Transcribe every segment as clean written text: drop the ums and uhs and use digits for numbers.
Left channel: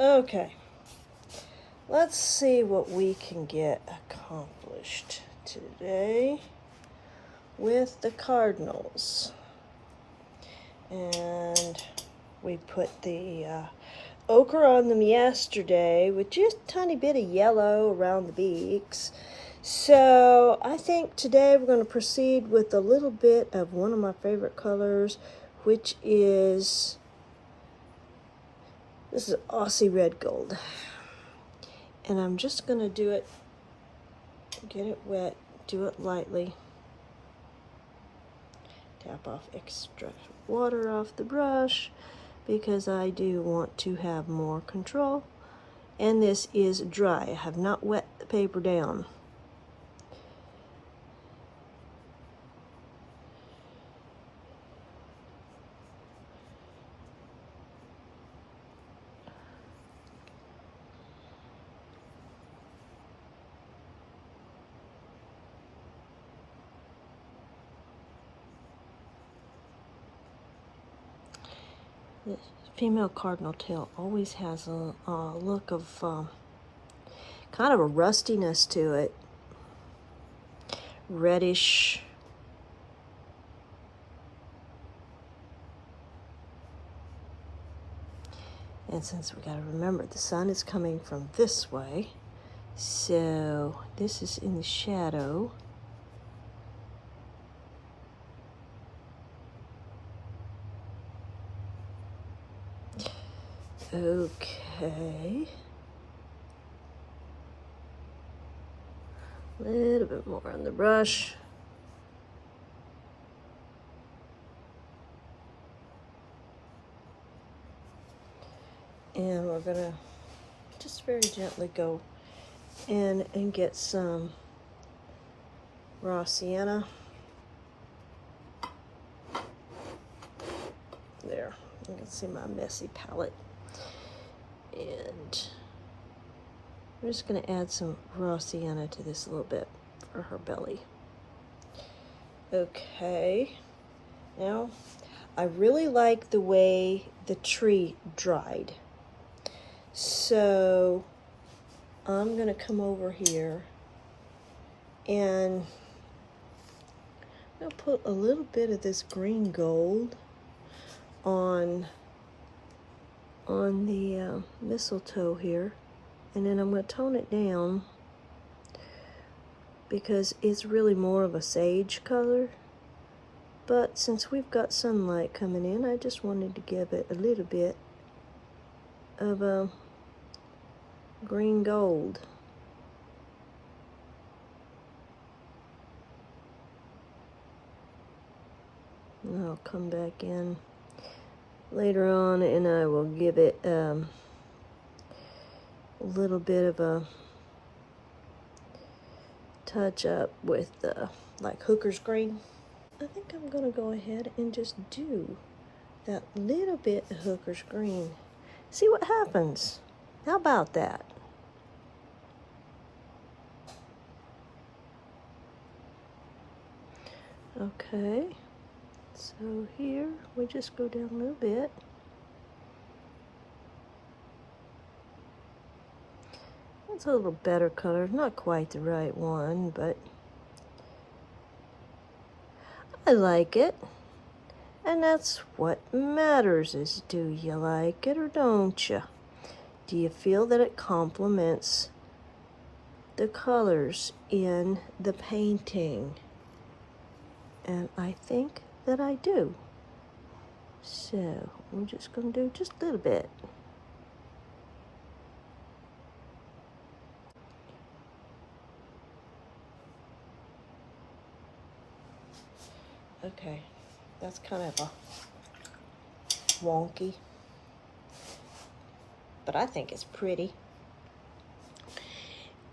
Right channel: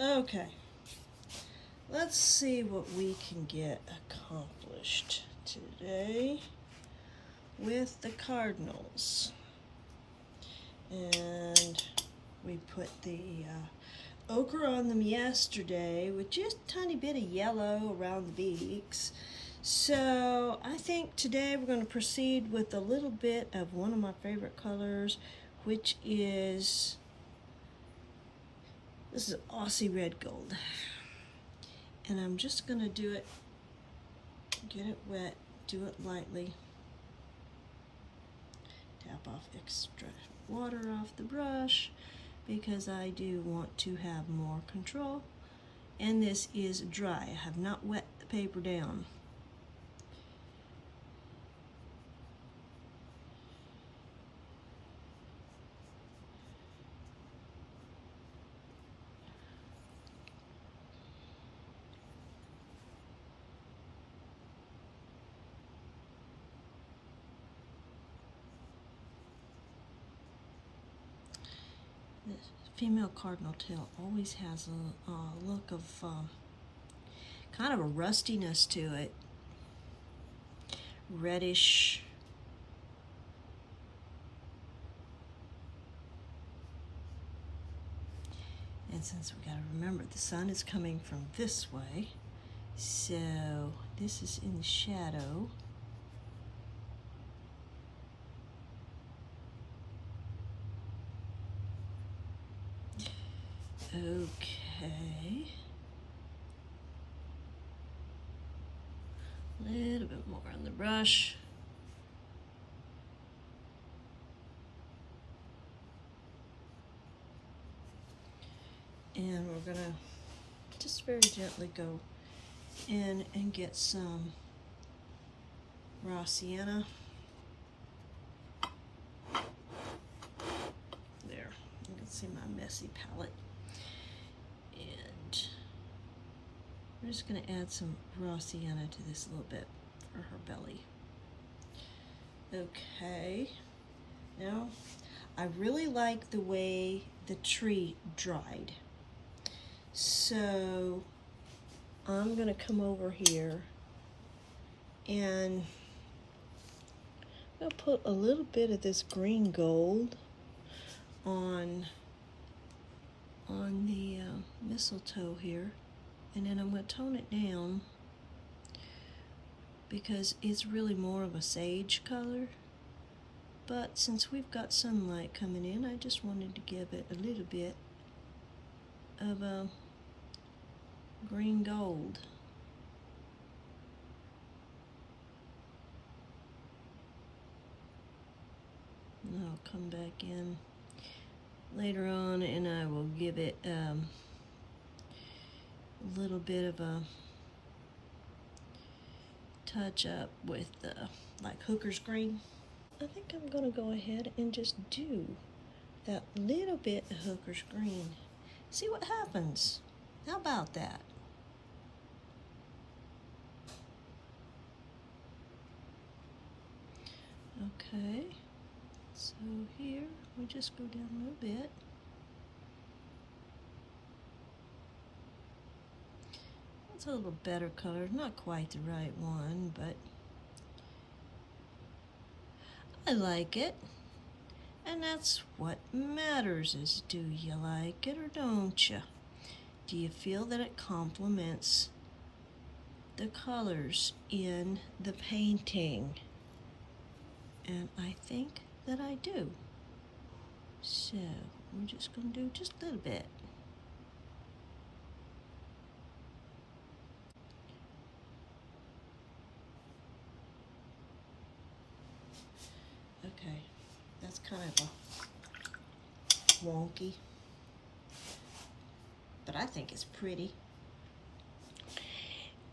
Okay, let's see what we can get accomplished today with the Cardinals. And we put the ochre on them yesterday with just a tiny bit of yellow around the beaks. So I think today we're going to proceed with a little bit of one of my favorite colors, which is, this is Aussie Red Gold. And I'm just going to do it, get it wet, do it lightly. Tap off extra water off the brush because I do want to have more control. And this is dry. I have not wet the paper down. The female cardinal tail always has a look of kind of a rustiness to it. Reddish. And since we gotta remember the sun is coming from this way, so this is in the shadow. Okay. A little bit more on the brush. And we're gonna just very gently go in and get some raw sienna. There, you can see my messy palette. And I'm just going to add some raw sienna to this a little bit for her belly. Okay, now I really like the way the tree dried. So I'm going to come over here and I'll put a little bit of this green gold on the mistletoe here, and then I'm going to tone it down because it's really more of a sage color, but since we've got sunlight coming in, I just wanted to give it a little bit of a green gold. And I'll come back in later on and I will give it a little bit of a touch up with like hooker's green. I think I'm gonna go ahead and just do that little bit of hooker's green. See what happens. How about that? Okay, so here we just go down a little bit. It's a little better color, not quite the right one, but I like it. And that's what matters, is do you like it or don't you? Do you feel that it complements the colors in the painting? And I think that I do. So we're just going to do just a little bit. Okay, that's kind of a wonky, but I think it's pretty.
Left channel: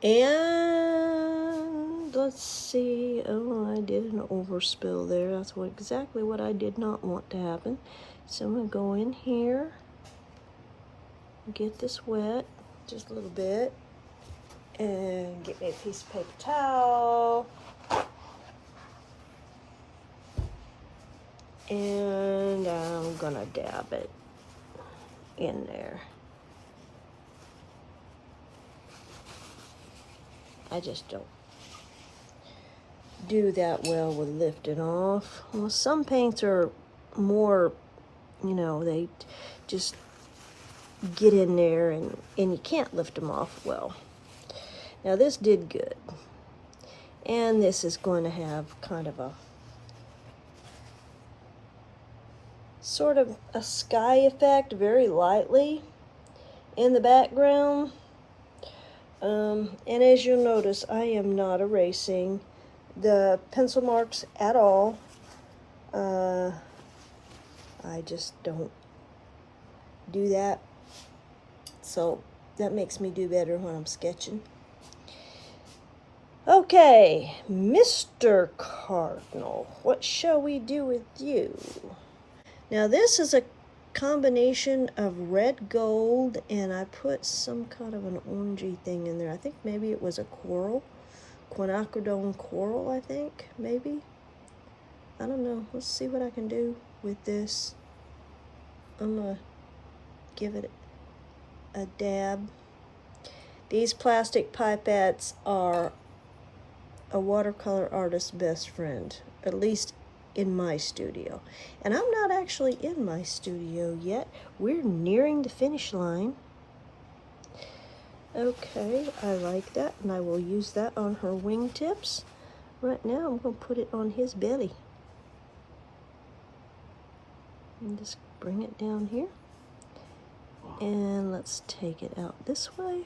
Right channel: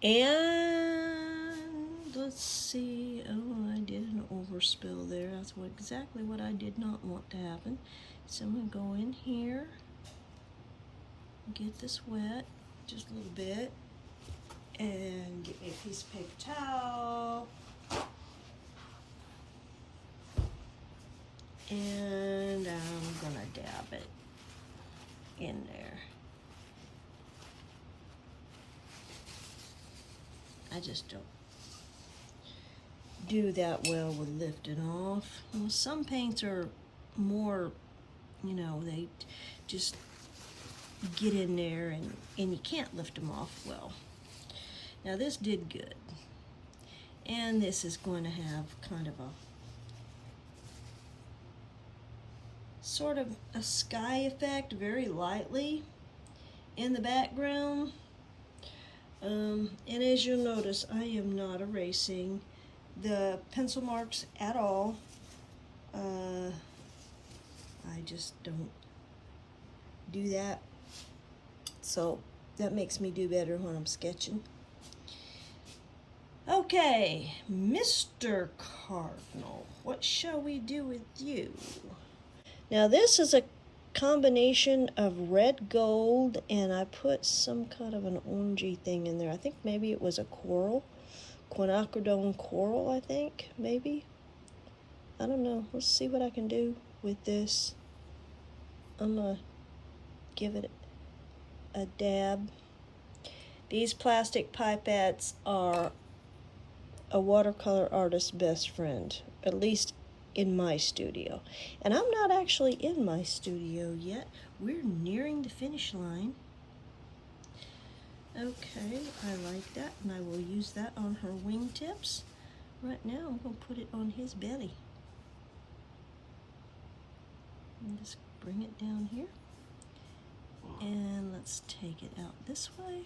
And let's see, oh, I did an overspill there. That's exactly what I did not want to happen. So I'm gonna go in here, get this wet, just a little bit, and get me a piece of paper towel. And I'm gonna dab it in there. I just don't do that well with lifting off. Well, some paints are more, you know, they just get in there and you can't lift them off well. Now this did good. And this is going to have kind of a sort of a sky effect, very lightly in the background. And as you'll notice, I am not erasing the pencil marks at all. I just don't do that. So that makes me do better when I'm sketching. Okay, Mr. Cardinal, what shall we do with you? Now this is a combination of red gold, and I put some kind of an orangey thing in there. I think maybe it was a coral, quinacridone coral, I think, maybe. I don't know. Let's see what I can do with this. I'm gonna give it a dab. These plastic pipettes are a watercolor artist's best friend, at least in my studio. And I'm not actually in my studio yet. We're nearing the finish line. Okay, I like that, and I will use that on her wingtips. Right now, I'm going to put it on his belly. And just bring it down here. And let's take it out this way.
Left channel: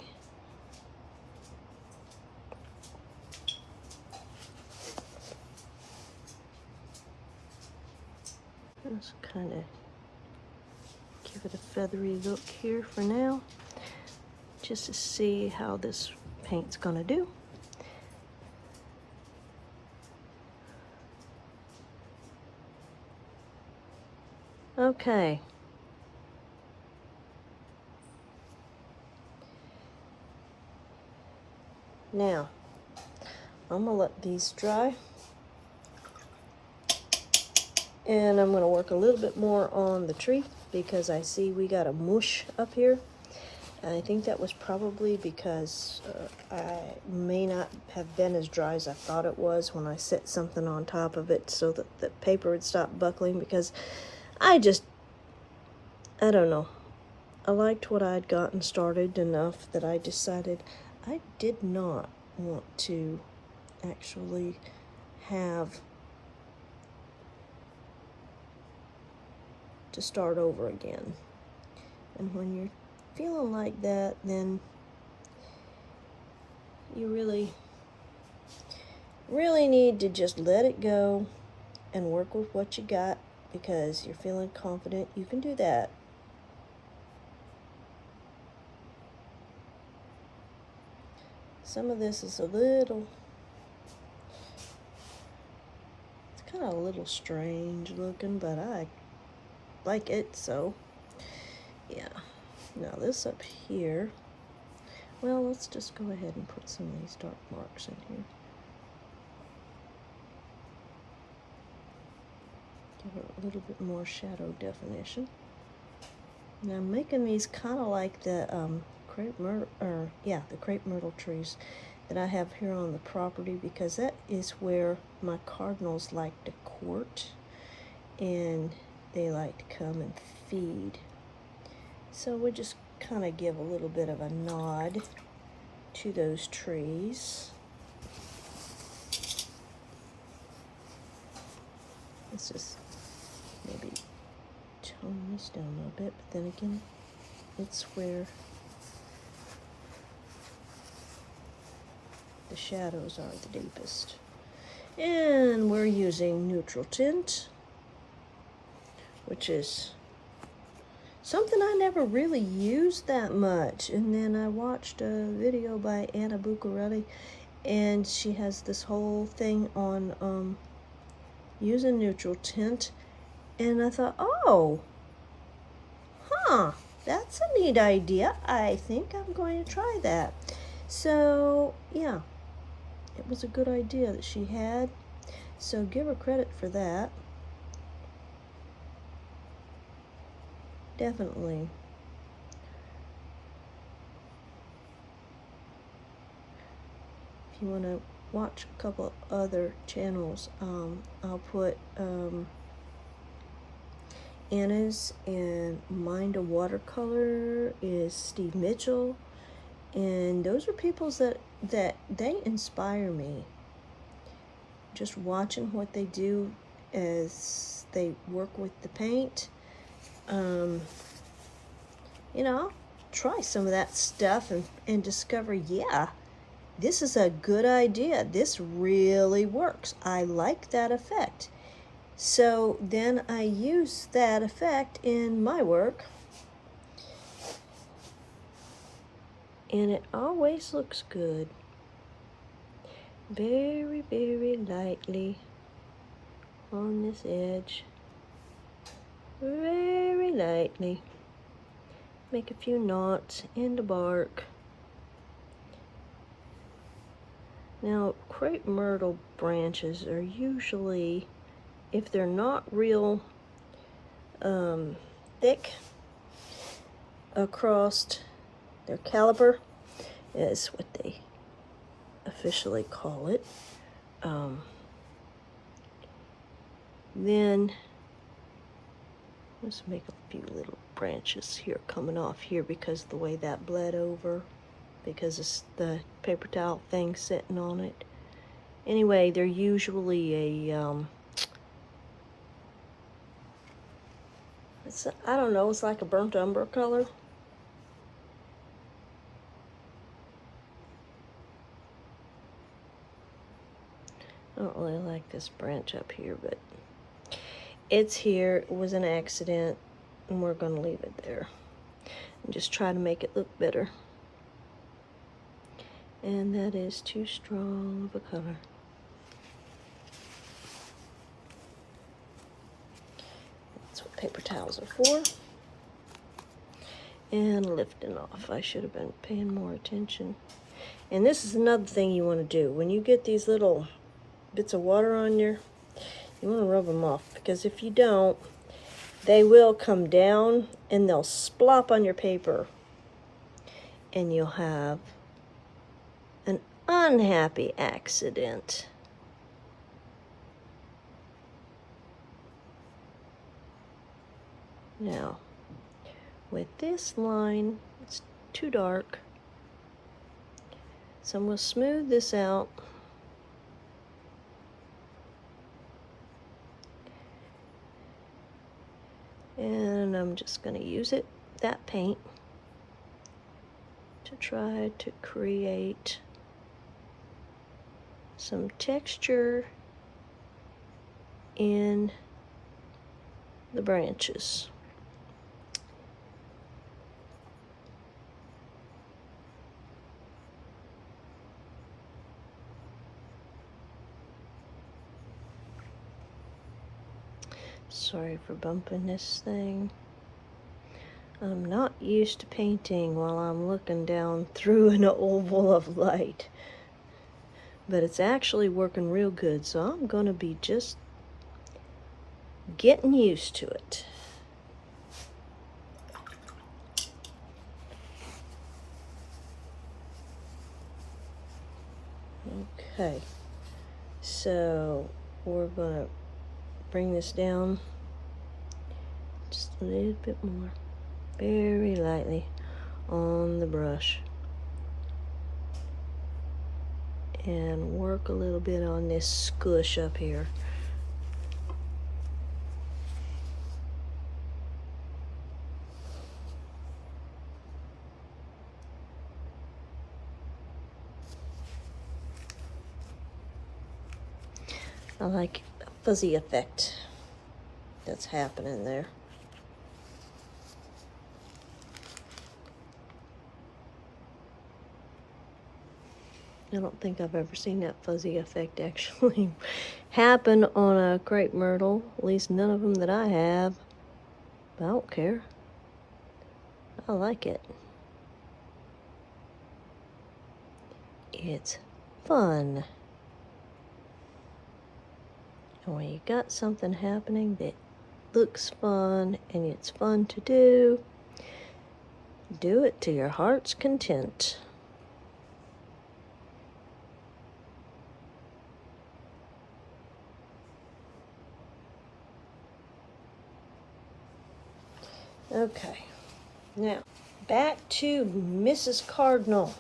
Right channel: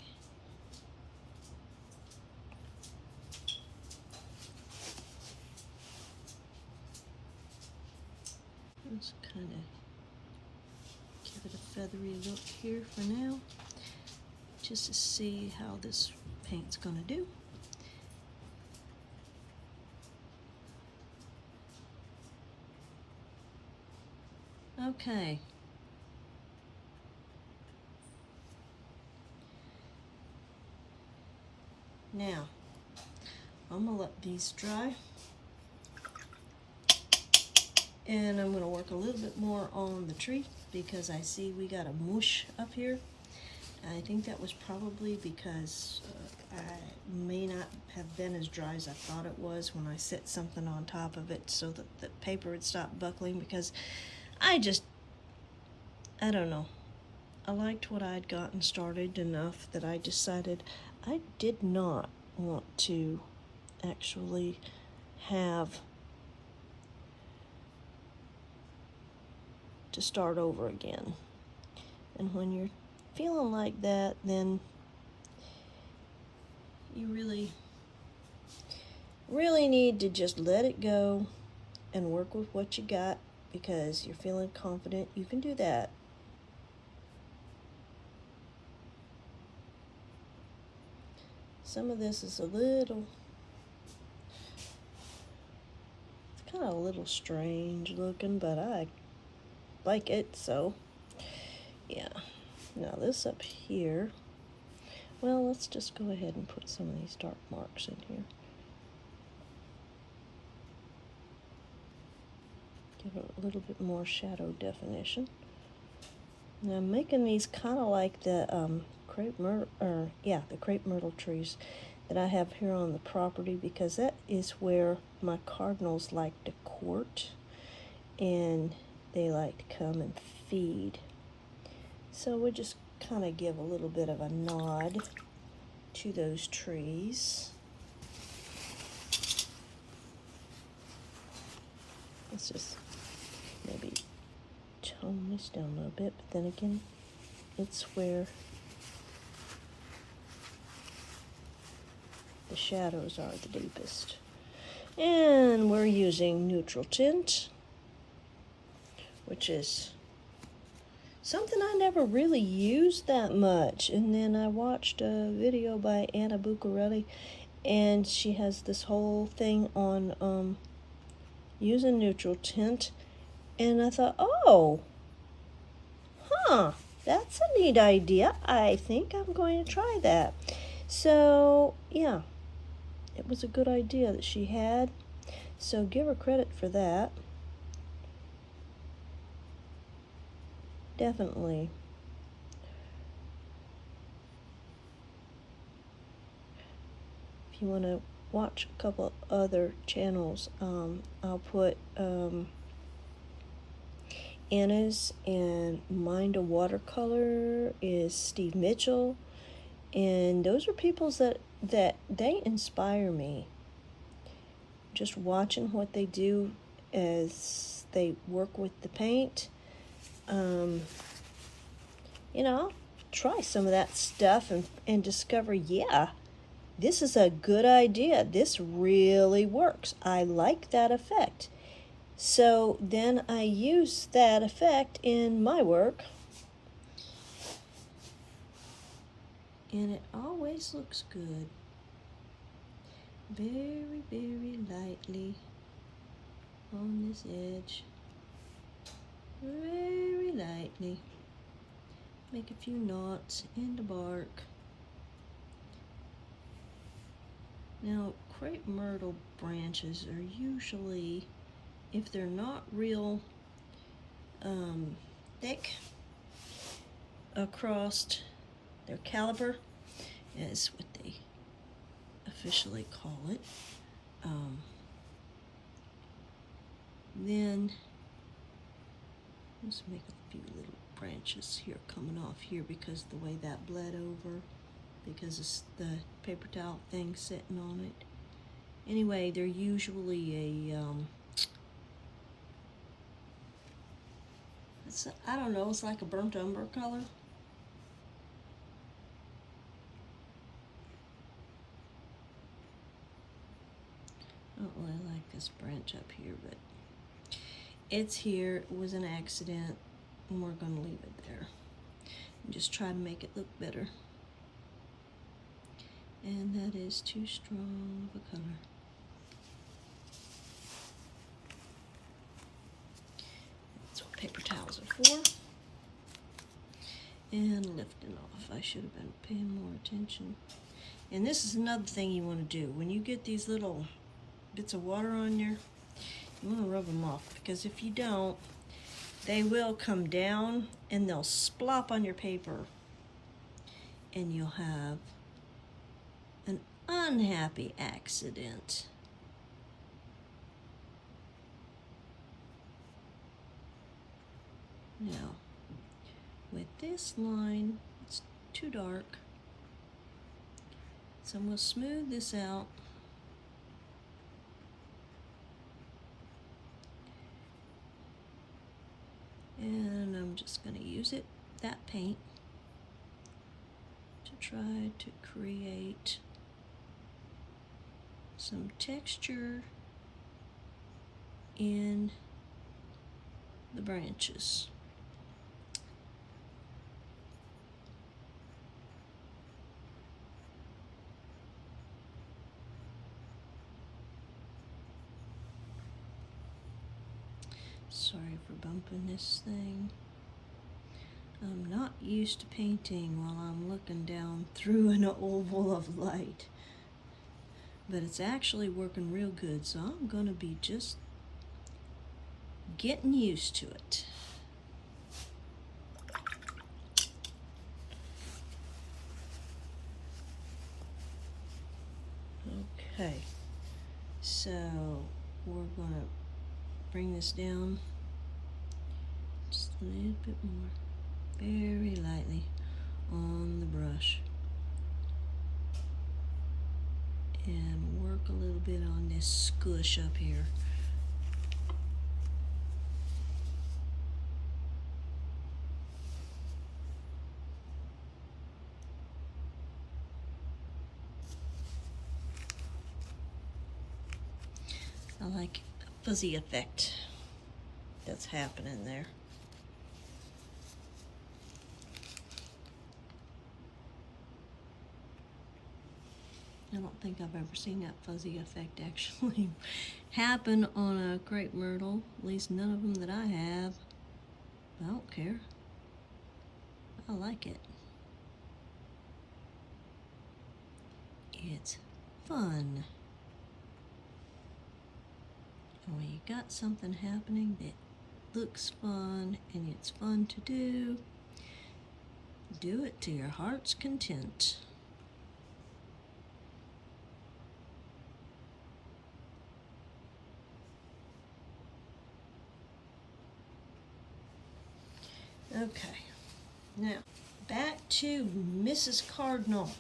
Just kind of give it a feathery look here for now, just to see how this paint's gonna do. Okay. Now, I'm gonna let these dry. And I'm going to work a little bit more on the tree because I see we got a mush up here. And I think that was probably because I may not have been as dry as I thought it was when I set something on top of it so that the paper would stop buckling, because I don't know. I liked what I'd gotten started enough that I decided I did not want to actually have to start over again. And when you're feeling like that, then you really need to just let it go and work with what you got, because you're feeling confident you can do that. Some of this is it's kind of a little strange looking, but I like it, so yeah. Now this up here, well, let's just go ahead and put some of these dark marks in here. Give it a little bit more shadow definition. Now I'm making these kind of like the crepe myrtle trees that I have here on the property, because that is where my cardinals like to court, and they like to come and feed. So we'll just kind of give a little bit of a nod to those trees. Let's just maybe tone this down a little bit, but then again, it's where the shadows are the deepest. And we're using neutral tint, which is something I never really used that much. And then I watched a video by Anna Bucciarelli, and she has this whole thing on using neutral tint. And I thought, oh, that's a neat idea. I think I'm going to try that. So, yeah, it was a good idea that she had. So give her credit for that. Definitely. you want to watch a couple other channels, I'll put Anna's, and Mind a Watercolor is Steve Mitchell, and those are people that they inspire me. Just watching what they do as they work with the paint. You know, I'll try some of that stuff and discover, yeah, this is a good idea. This really works. I like that effect. So then I use that effect in my work. And it always looks good. Very, very lightly on this edge. Very lightly. Make a few knots in the bark. Now, crepe myrtle branches are usually, if they're not real thick across their caliber, is what they officially call it, then let's make a few little branches here coming off here because of the way that bled over, because it's the paper towel thing sitting on it. Anyway, they're usually I don't know, it's like a burnt umber color. I don't really like this branch up here, but it's here. It was an accident, and we're going to leave it there and just try to make it look better. And that is too strong of a color. That's what paper towels are for. And lifting off. I should have been paying more attention. And this is another thing you want to do. When you get these little bits of water on you want to rub them off, because if you don't, they will come down and they'll splop on your paper, and you'll have an unhappy accident. Now, with this line, it's too dark, so I'm going to smooth this out. And I'm just going to use that paint to try to create some texture in the branches. Sorry for bumping this thing. I'm not used to painting while I'm looking down through an oval of light, but it's actually working real good, so I'm going to be just getting used to it. Okay, so we're going to bring this down just a little bit more, very lightly on the brush, and work a little bit on this squish up here. I like a fuzzy effect that's happening there. I don't think I've ever seen that fuzzy effect actually happen on a crepe myrtle, at least none of them that I have. But I don't care. I like it. It's fun. And when you got something happening that looks fun and it's fun to do it to your heart's content. Okay, now back to Mrs. Cardinal.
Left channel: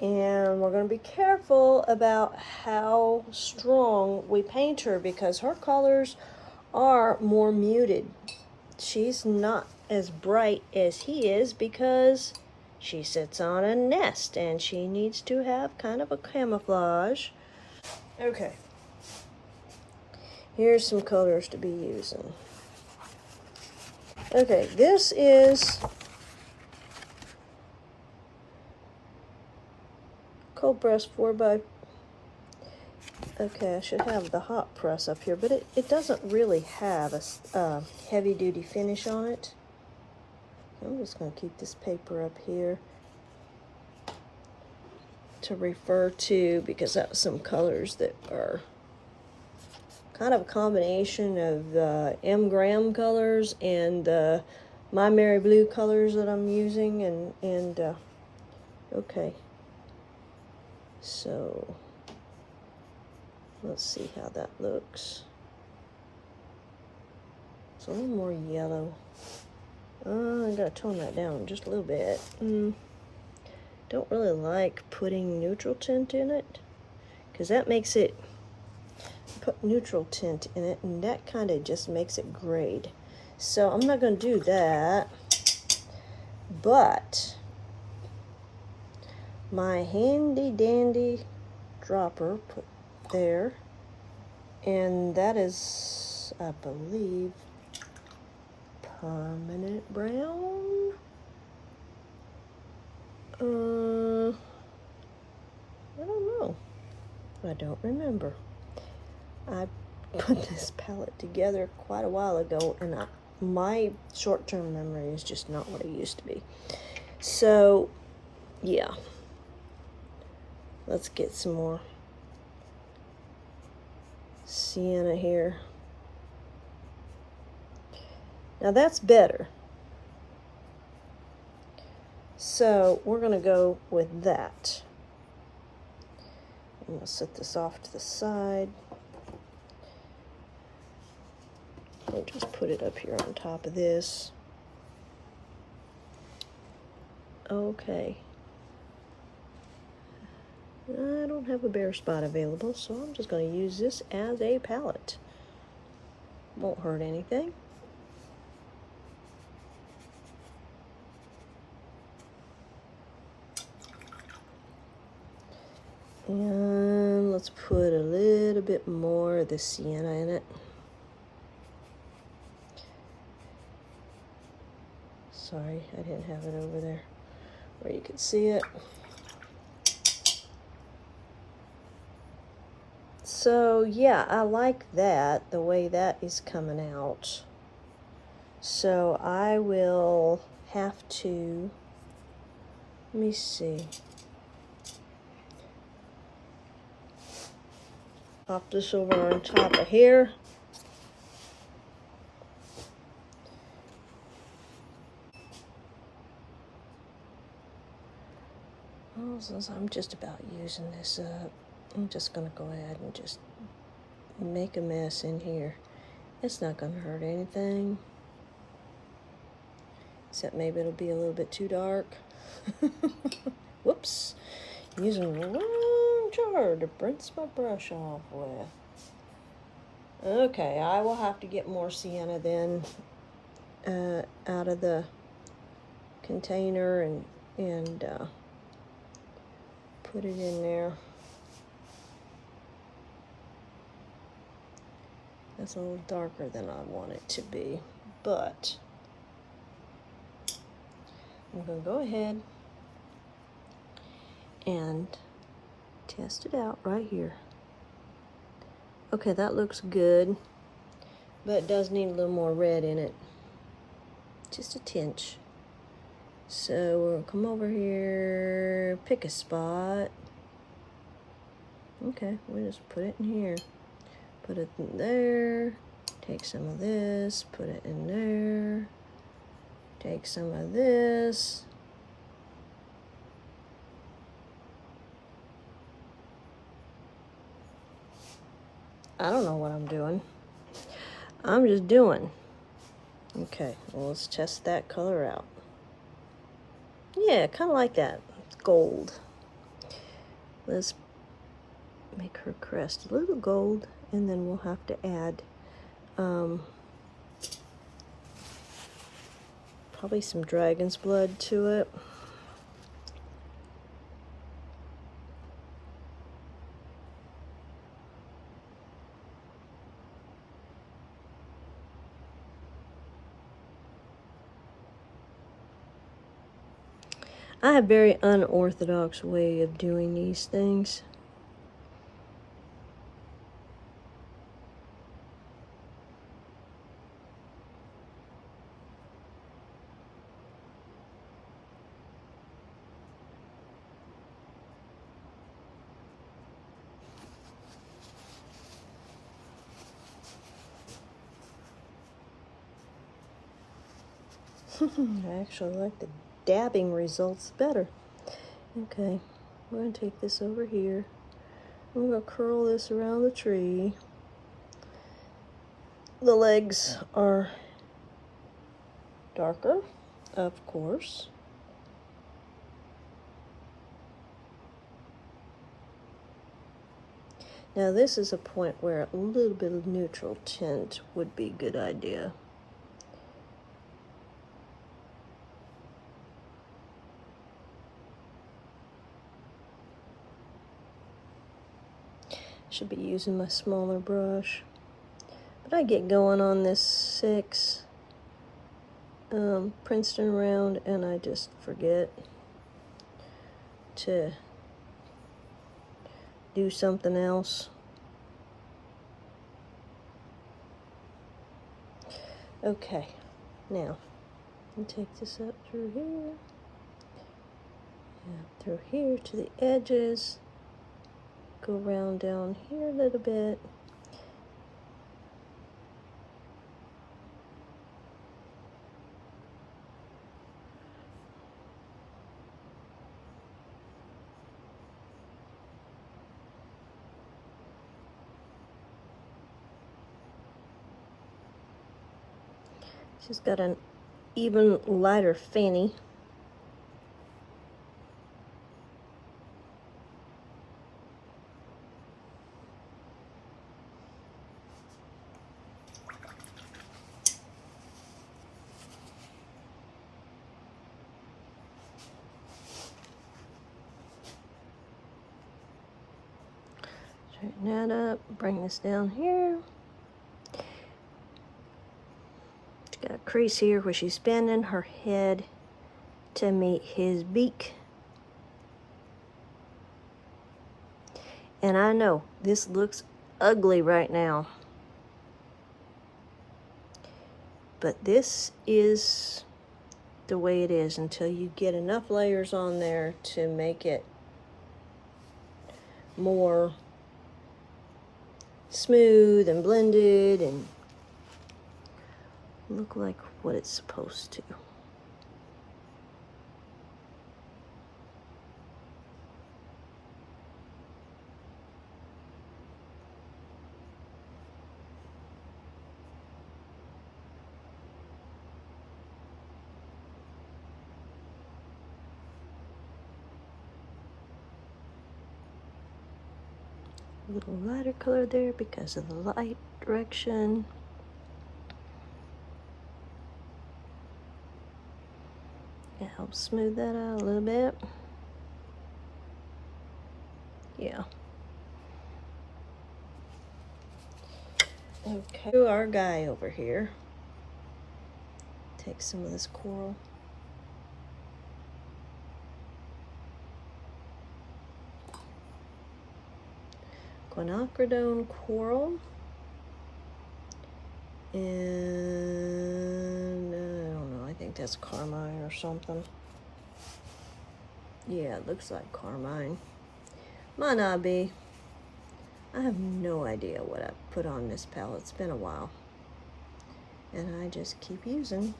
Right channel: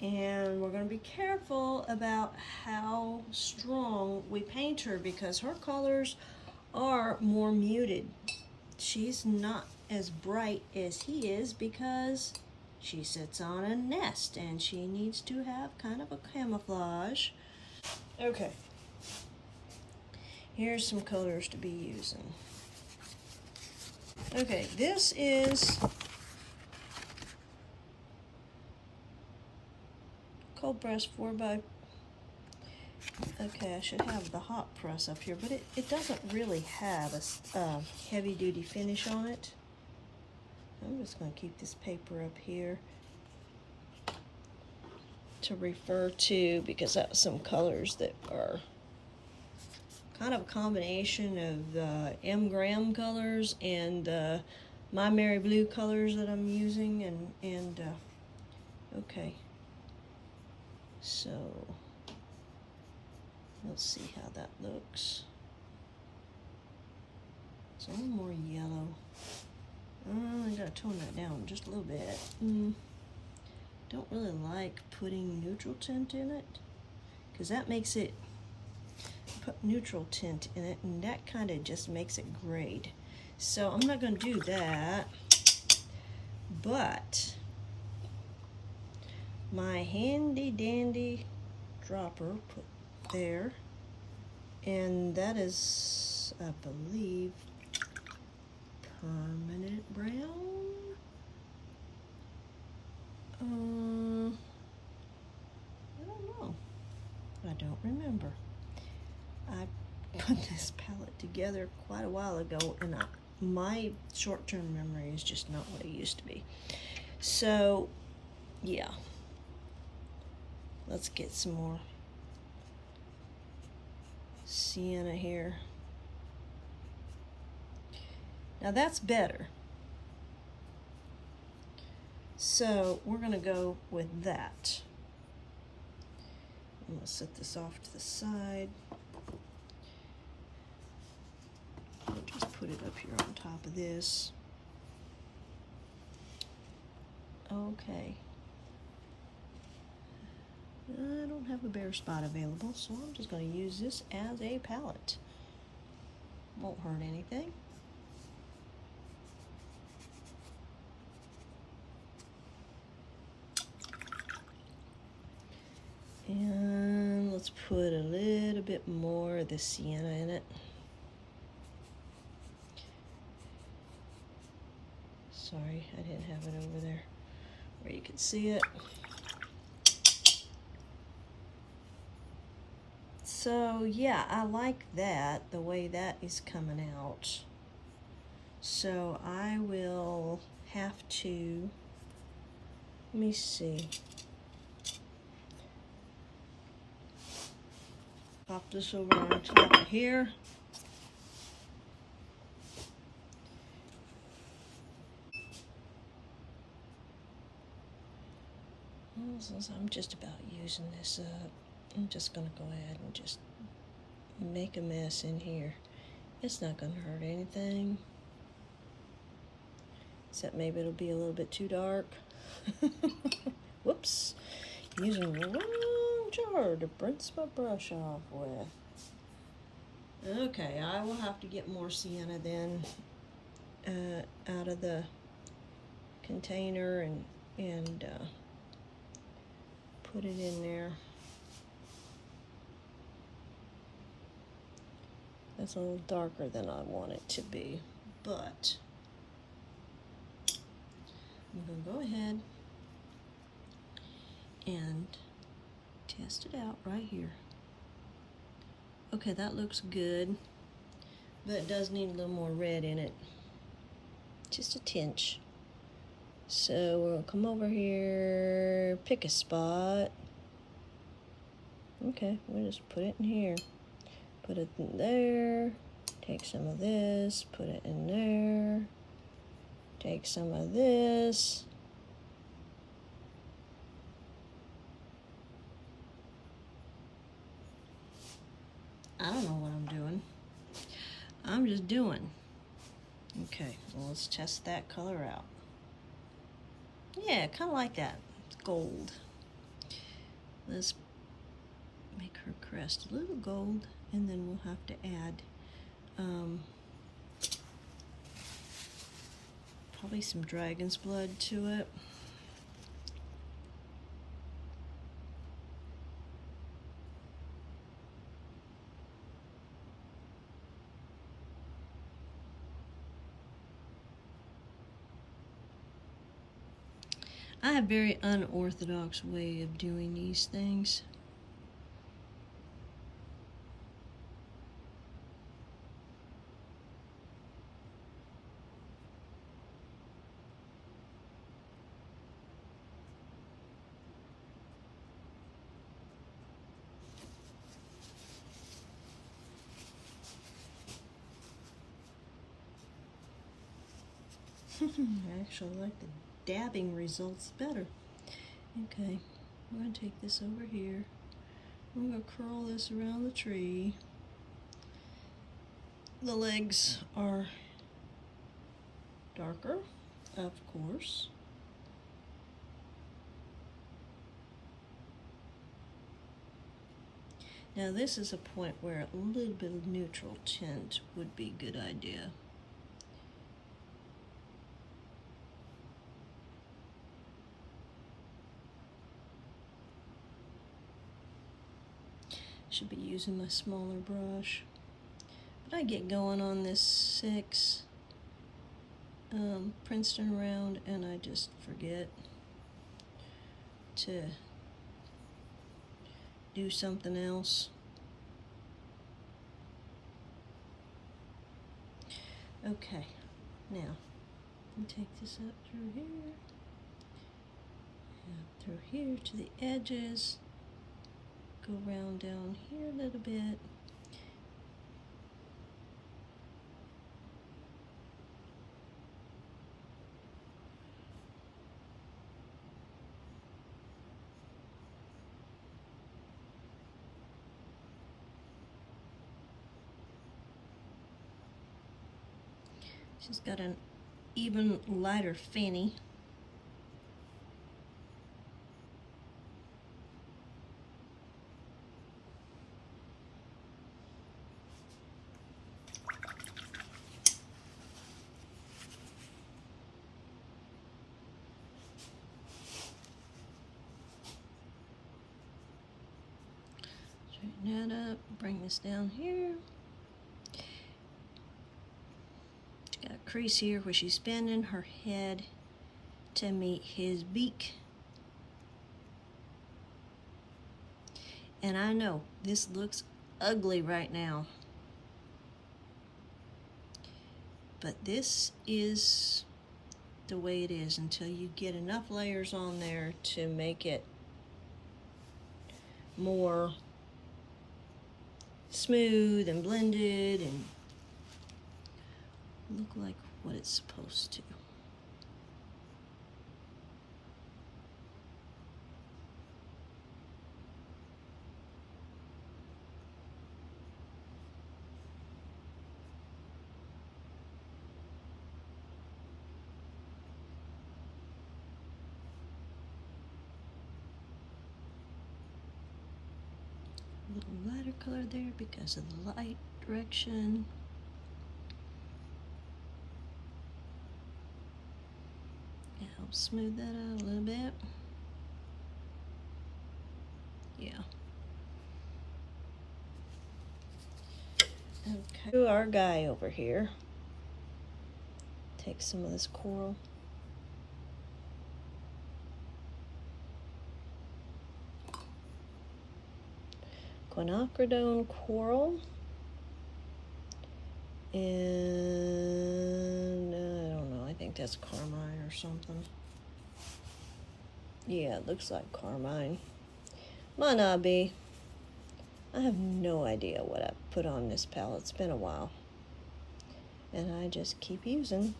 And we're going to be careful about how strong we paint her because her colors are more muted. She's not as bright as he is because she sits on a nest and she needs to have kind of a camouflage. Okay, here's some colors to be using. Okay, this is cold press 4x. Okay, I should have the hot press up here, but it doesn't really have a heavy duty finish on it. I'm just going to keep this paper up here to refer to because that's some colors that are kind of a combination of the M. Graham colors and My Mary Blue colors that I'm using. Okay. So, let's see how that looks. It's a little more yellow. I gotta tone that down just a little bit. Don't really like putting neutral tint in it because that makes it, put neutral tint in it and that kind of just makes it grayed. So I'm not gonna do that, but my handy dandy dropper put there, and that is, I believe, permanent brown. I don't know. I don't remember. I put this palette together quite a while ago, and my short-term memory is just not what it used to be. So, yeah. Let's get some more sienna here. Now that's better. So we're going to go with that. I'm going to set this off to the side. I'll just put it up here on top of this. Okay. I don't have a bare spot available, so I'm just going to use this as a palette. Won't hurt anything. And let's put a little bit more of the sienna in it. Sorry, I didn't have it over there where you could see it. So yeah, I like that, the way that is coming out. So I will have to, let me see. Pop this over on top of here. Well, since I'm just about using this up, I'm just going to go ahead and just make a mess in here. It's not going to hurt anything. Except maybe it'll be a little bit too dark. Whoops. I'm using the wrong jar to rinse my brush off with. Okay, I will have to get more sienna then out of the container and put it in there. That's a little darker than I want it to be, but I'm going to go ahead and test it out right here. Okay, that looks good, but it does need a little more red in it. Just a tinge. So we'll come over here, pick a spot. Okay, we'll just put it in here. Put it in there. Take some of this, put it in there. Take some of this. I don't know what I'm doing. I'm just doing. Okay, well, let's test that color out. Yeah, kind of like that. Gold. Let's make her crest a little gold, and then we'll have to add probably some dragon's blood to it. I have a very unorthodox way of doing these things. I actually like the dabbing results better. Okay, we're going to take this over here. We're going to curl this around the tree. The legs are darker, of course. Now this is a point where a little bit of neutral tint would be a good idea. Should be using my smaller brush. But I get going on this 6 Princeton round and I just forget to do something else. Okay, now I'll take this up through here, and through here to the edges, go around down here a little bit. She's got an even lighter fanny. Straighten that up, bring this down here. She's got a crease here where she's bending her head to meet his beak. And I know this looks ugly right now, but this is the way it is until you get enough layers on there to make it more smooth and blended and look like what it's supposed to. A little lighter color there because of the light direction. It helps smooth that out a little bit. Yeah. Okay, to our guy over here. Take some of this coral. Quinacridone coral. And I don't know, I think that's carmine or something. Yeah, it looks like carmine. Might not be. I have no idea what I put on this palette. It's been a while. And I just keep using.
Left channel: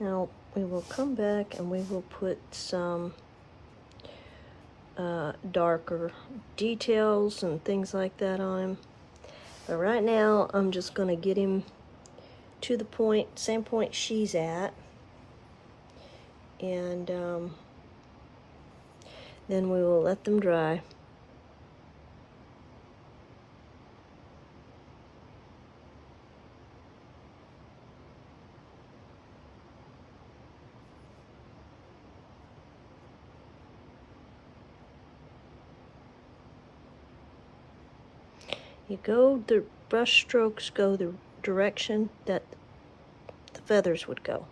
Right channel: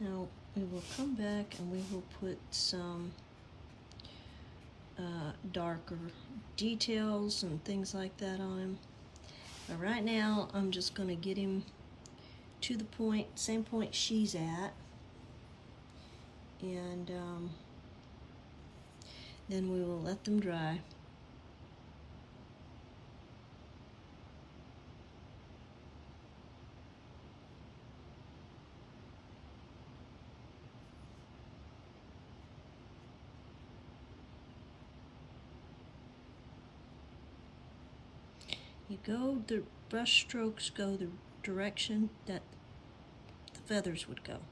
Now we will come back and we will put some darker details and things like that on him. But right now I'm just going to get him to the point, same point she's at, and then we will let them dry. The brush strokes go the direction that the feathers would go.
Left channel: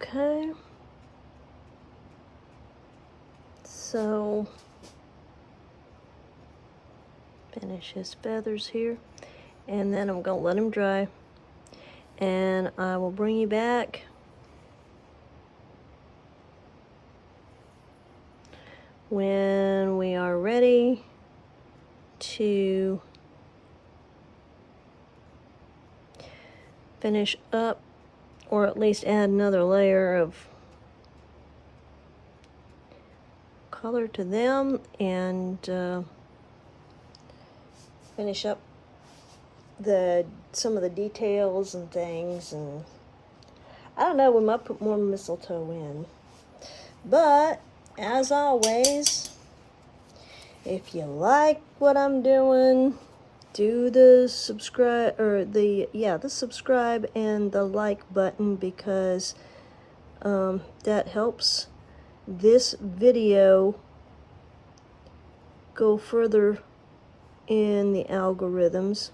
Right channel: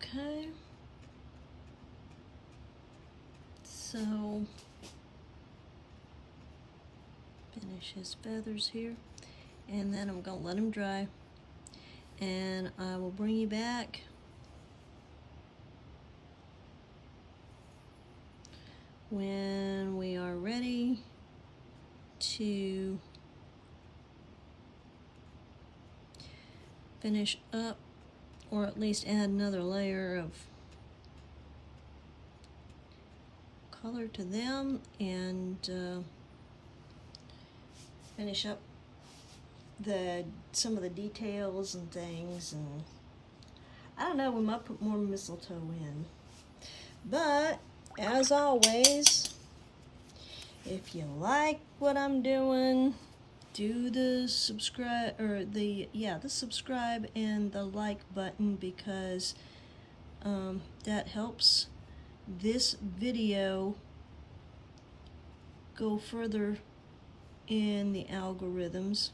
Okay, so finish his feathers here, and then I'm gonna let him dry, and I will bring you back when we are ready to finish up, or at least add another layer of color to them, and finish up some of the details and things. And I don't know, we might put more mistletoe in. But as always, if you like what I'm doing, do the subscribe, or the subscribe and the like button, because that helps this video go further in the algorithms.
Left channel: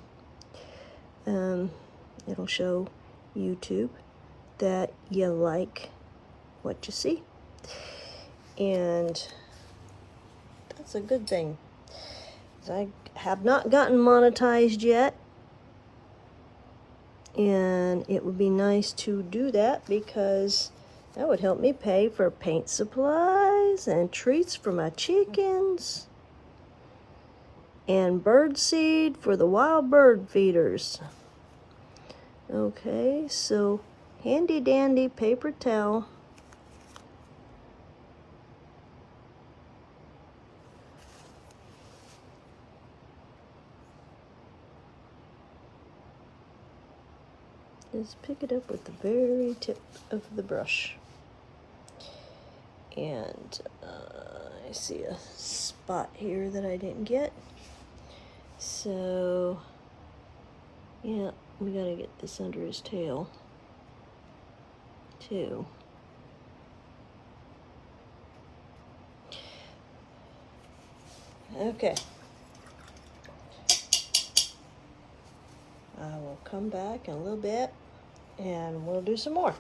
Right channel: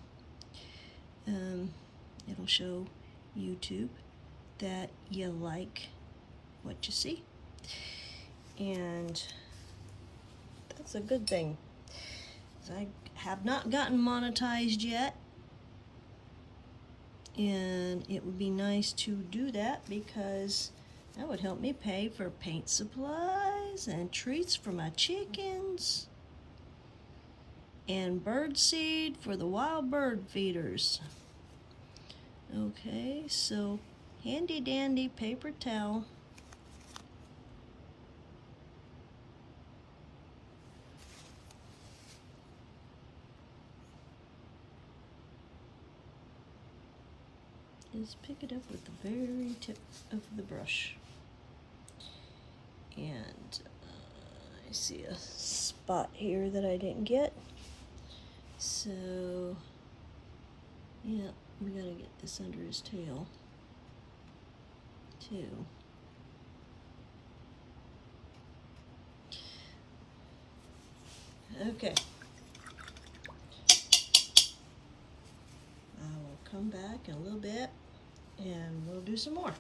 It'll show YouTube that you like what you see, and that's a good thing. I have not gotten monetized yet, and it would be nice to do that, because that would help me pay for paint supplies and treats for my chickens and bird seed for the wild bird feeders. Okay, so handy dandy paper towel. Just pick it up with the very tip of the brush. And I see a spot here that I didn't get. So, yeah, we gotta get this under his tail, too. Okay. I will come back in a little bit and we'll do some more.